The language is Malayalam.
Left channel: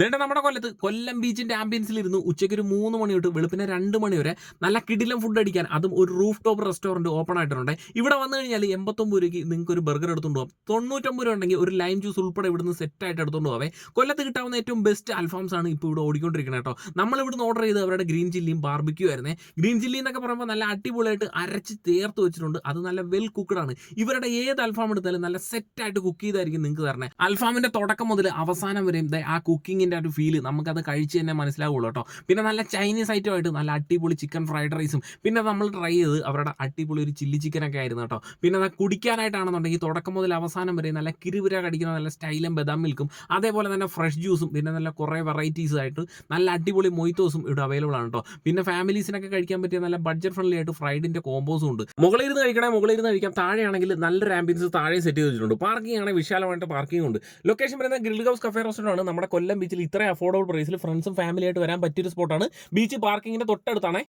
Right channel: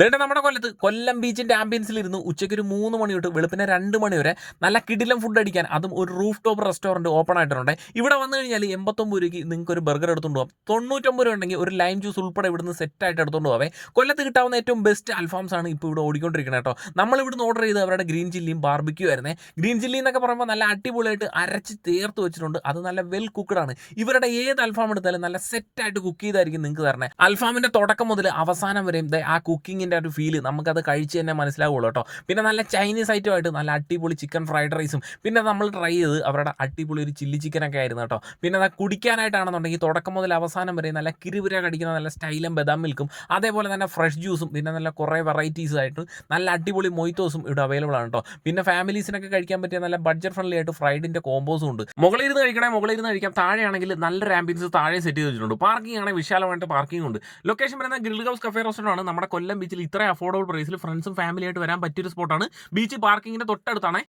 ദേണ്ട നമ്മുടെ കൊല്ലം ബീച്ചിന്റെ ആംബിയൻസിലിരുന്ന് ഉച്ചയ്ക്ക് ഒരു 3 മണി തൊട്ട് വെളുപ്പിനെ 2 മണി വരെ നല്ല കിടിലം ഫുഡ് അടിക്കാൻ അതും ഒരു റൂഫ് ടോപ്പ് റെസ്റ്റോറന്റ് ഓപ്പൺ ആയിട്ടുണ്ട്. ഇവിടെ വന്നു കഴിഞ്ഞാൽ 89 രൂപയ്ക്ക് നിങ്ങൾക്ക് ഒരു ബർഗർ എടുത്തുകൊണ്ട് പോകാം. 99 രൂപ ഉണ്ടെങ്കിൽ ഒരു ലൈം ജ്യൂസ് ഉൾപ്പെടെ ഇവിടുന്ന് സെറ്റ് ആയിട്ട് എടുത്തുകൊണ്ട് പോവേ. കൊല്ലത്ത് കിട്ടാവുന്ന ഏറ്റവും ബെസ്റ്റ് അൽഫാംസ് ആണ് ഇപ്പോൾ ഇവിടെ ഓടിക്കൊണ്ടിരിക്കുന്നത് കേട്ടോ. നമ്മൾ ഇവിടുന്ന് ഓർഡർ ചെയ്ത് അവരുടെ ഗ്രീൻ ചില്ലിയും ബാർബിക്യൂ ആയിരുന്നേ. ഗ്രീൻ ചില്ലി എന്നൊക്കെ പറയുമ്പോൾ നല്ല അടിപൊളിയായിട്ട് അരച്ച് ചേർത്ത് വെച്ചിട്ടുണ്ട്. അത് നല്ല വെൽ കുക്ക്ഡ് ആണ്. ഇവരുടെ ഏത് അൽഫാം എടുത്താലും നല്ല സെറ്റ് ആയിട്ട് കുക്ക് ചെയ്തായിരിക്കും നിങ്ങൾക്ക് തരണേ. അൽഫാമിന്റെ തുടക്കം മുതൽ അവസാനം വരെയും ആ കുക്കിങ്ങിന്റെ ഒരു ഫീല് നമുക്കത് കഴിച്ച് തന്നെ മനസ്സിലാവുള്ളൂ കേട്ടോ. പിന്നെ നല്ല ചൈനീസ് ഐറ്റമായിട്ട് നല്ല അടിപൊളി ചിക്കൻ ഫ്രൈഡ് റൈസും പിന്നെ നമ്മൾ ട്രൈ ചെയ്ത് അവരുടെ അടിപൊളി ഒരു ചില്ലി ചിക്കനൊക്കെ ആയിരുന്നു കേട്ടോ. പിന്നെ അത് കുടിക്കാനായിട്ടാണെന്നുണ്ടെങ്കിൽ തുടക്കം മുതൽ അവസാനം വരെ നല്ല കിരുവിര കടിക്കുന്ന നല്ല സ്റ്റൈലും ബദാം മിൽക്കും അതേപോലെ തന്നെ ഫ്രഷ് ജ്യൂസും പിന്നെ നല്ല കുറേ വെറൈറ്റീസ് ആയിട്ട് നല്ല അടിപൊളി മൊയ്ത്തോസും ഇവിടെ അവൈലബിൾ ആണ് കേട്ടോ. പിന്നെ ഫാമിലീസിനൊക്കെ കഴിക്കാൻ പറ്റിയ നല്ല ബഡ്ജറ്റ് ഫ്രണ്ട്ലി ആയിട്ട് ഫ്രൈഡിന്റെ കോമ്പോസും ഉണ്ട്. മുകളിലിരുന്ന് കഴിക്കണേ മുകളിലിരുന്ന് കഴിക്കാം. താഴെയാണെങ്കിൽ നല്ലൊരു ആംബിയൻസ് താഴെ സെറ്റ് ചെയ്ത് വെച്ചിട്ടുണ്ട്. പാർക്കിംഗ് ആണെങ്കിൽ വിശാലമായിട്ട് പാർക്കിംഗ് ഉണ്ട്. ലൊക്കേഷൻ വരുന്നത് ഗ്രിൽ ഹൗസ് കഫേ റെസ്റ്റോറന്റ് ആണ്. നമ്മുടെ കൊല്ലം ബീച്ചിൽ ഇത്രയും അഫോർഡബിൾ പ്രൈസിൽ ഫ്രണ്ട്സും ഫാമിലിയായിട്ട് വരാൻ പറ്റിയൊരു സ്പോട്ടാണ്. ബീച്ച് പാർക്കിങ്ങിന്റെ തൊട്ടടുത്താണ്.